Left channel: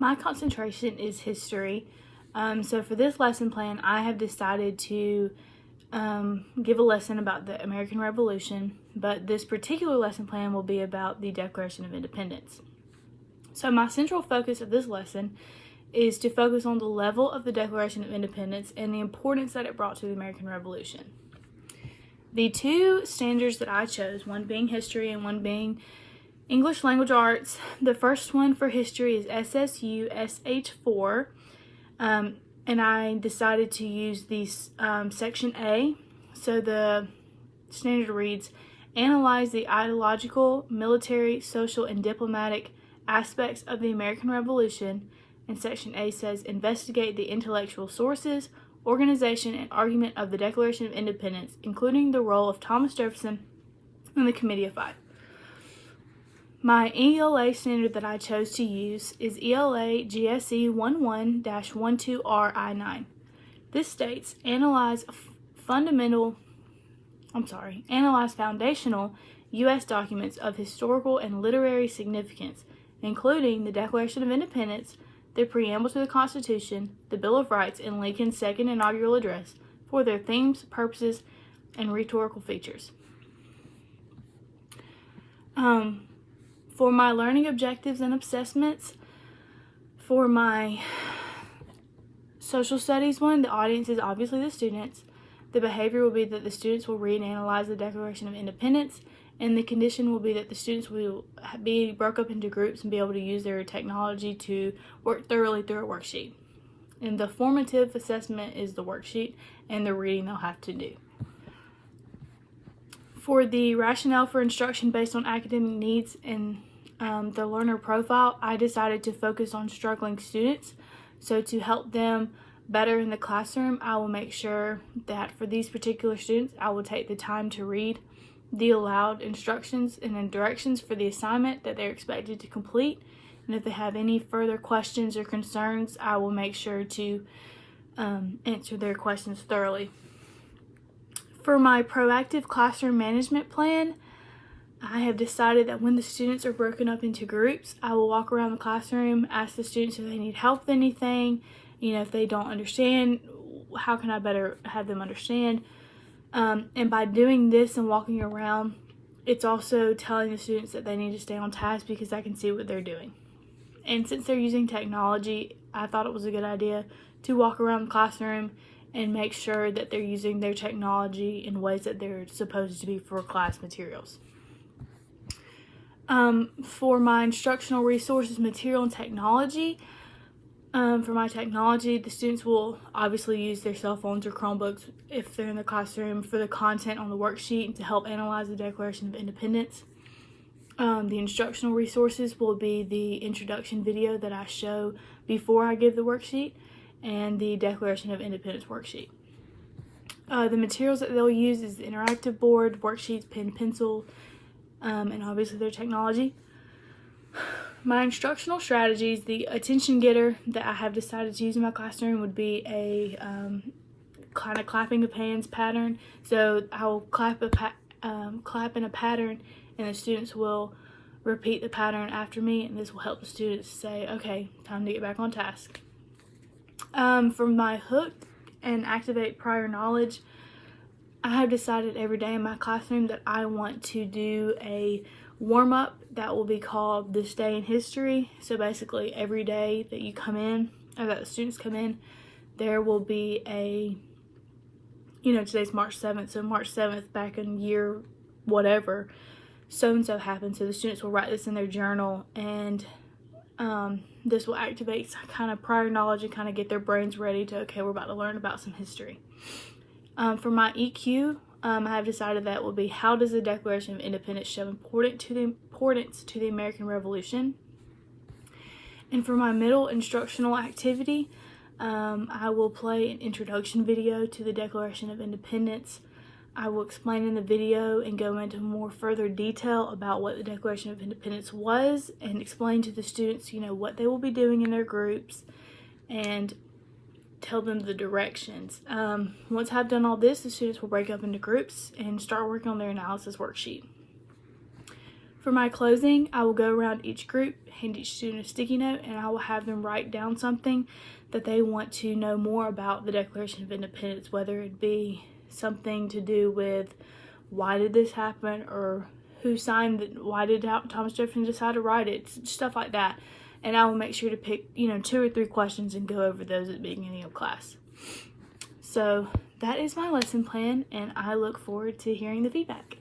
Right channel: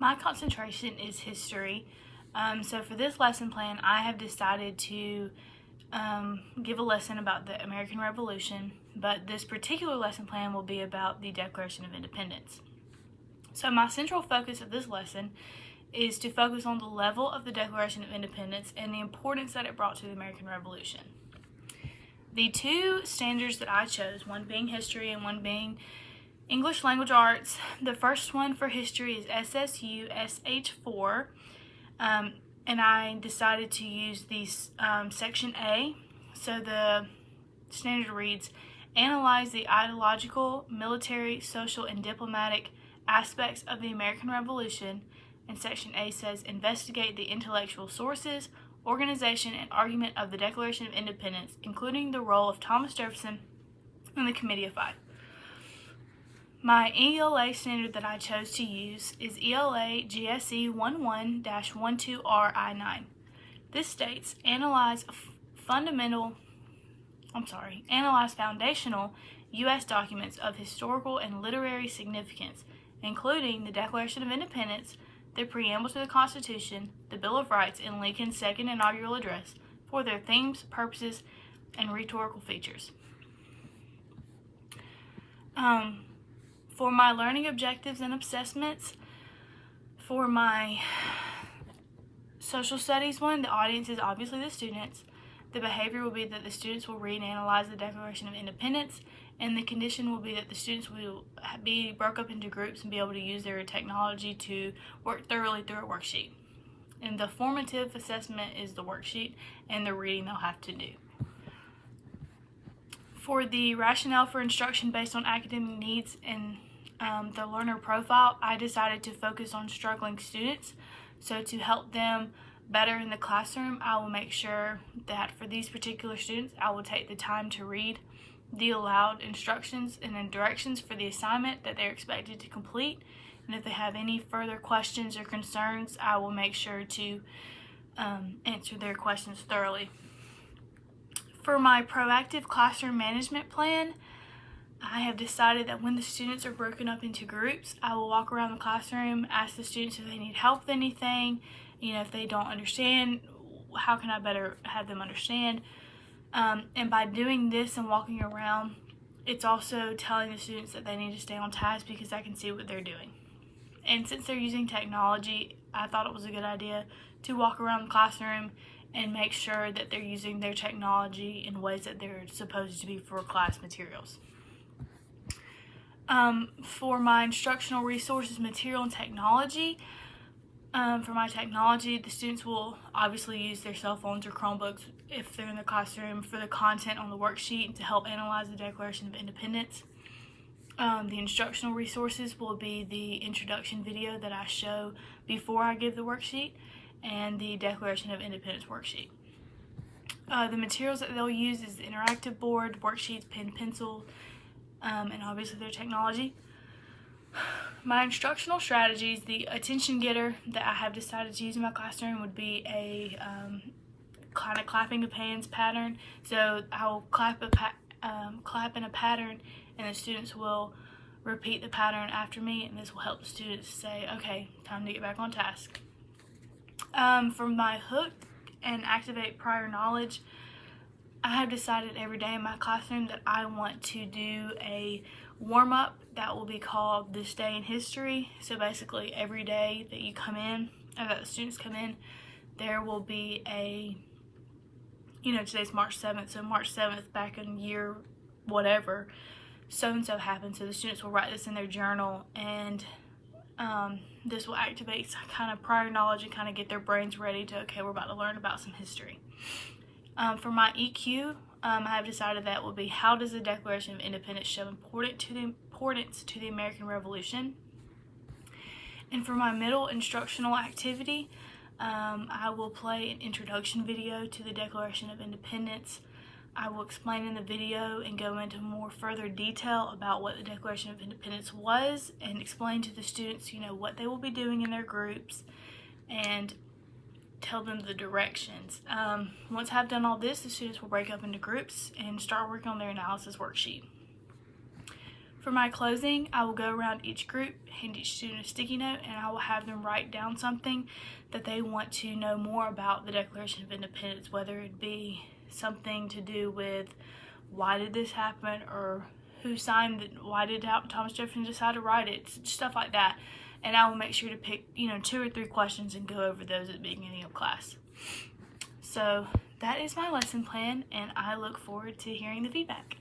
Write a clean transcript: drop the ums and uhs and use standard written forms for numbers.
My concentration is history. So for this lesson plan, I have decided to give a lesson about the American Revolution, but this particular lesson plan will be about the Declaration of Independence. So my central focus of this lesson is to focus on the level of the Declaration of Independence and the importance that it brought to the American Revolution. The two standards that I chose, one being history and one being English Language Arts, the first one for history is SSU SH4, and I decided to use the section A. So the standard reads, analyze the ideological, military, social, and diplomatic aspects of the American Revolution, and section A says, investigate the intellectual sources, organization, and argument of the Declaration of Independence, including the role of Thomas Jefferson and the Committee of Five. My ELA standard that I chose to use is ELA GSE 11-12RI9. This states, analyze foundational U.S. documents of historical and literary significance, including the Declaration of Independence, the preamble to the Constitution, the Bill of Rights, and Lincoln's second inaugural address for their themes, purposes, and rhetorical features. For my learning objectives and assessments, for my social studies one, the audience is obviously the students. The behavior will be that the students will read and analyze the Declaration of Independence, and the condition will be that the students will be broke up into groups and be able to use their technology to work thoroughly through a worksheet. And the formative assessment is the worksheet and the reading they'll have to do. For the rationale for instruction based on academic needs and the learner profile, I decided to focus on struggling students. So to help them better in the classroom, I will make sure that for these particular students, I will take the time to read the allowed instructions and then directions for the assignment that they're expected to complete. And if they have any further questions or concerns, I will make sure to answer their questions thoroughly. For my proactive classroom management plan, I have decided that when the students are broken up into groups, I will walk around the classroom, ask the students if they need help with anything, if they don't understand, how can I better have them understand? And by doing this and walking around, it's also telling the students that they need to stay on task because I can see what they're doing. And since they're using technology, I thought it was a good idea to walk around the classroom and make sure that they're using their technology in ways that they're supposed to be for class materials. For my instructional resources, material, and technology, for my technology, the students will obviously use their cell phones or Chromebooks if they're in the classroom for the content on the worksheet to help analyze the Declaration of Independence. The instructional resources will be the introduction video that I show before I give the worksheet and the Declaration of Independence worksheet. The materials that they'll use is the interactive board, worksheets, pen, pencil, and obviously their technology. My instructional strategies, the attention getter that I have decided to use in my classroom would be a kind of clapping of hands pattern. So I will clap in a pattern, and the students will repeat the pattern after me, and this will help the students say, okay, time to get back on task. For my hook and activate prior knowledge, I have decided every day in my classroom that I want to do a warm-up that will be called This Day in History. So basically every day that you come in, or that the students come in, there will be a, today's March 7th, so March 7th back in year whatever, so-and-so happened. So the students will write this in their journal, and this will activate kind of prior knowledge and kind of get their brains ready to, okay, we're about to learn about some history. For my EQ, I have decided that will be, how does the Declaration of Independence show importance to the American Revolution? And for my middle instructional activity, I will play an introduction video to the Declaration of Independence. I will explain in the video and go into more further detail about what the Declaration of Independence was and explain to the students, what they will be doing in their groups and tell them the directions. Once I've done all this, the students will break up into groups and start working on their analysis worksheet. For my closing, I will go around each group, hand each student a sticky note, and I will have them write down something that they want to know more about the Declaration of Independence, whether it be something to do with why did this happen, or who signed it, why did Thomas Jefferson decide to write it, stuff like that. And I will make sure to pick 2 or 3 questions and go over those at the beginning of class. So that is my lesson plan, and I look forward to hearing the feedback.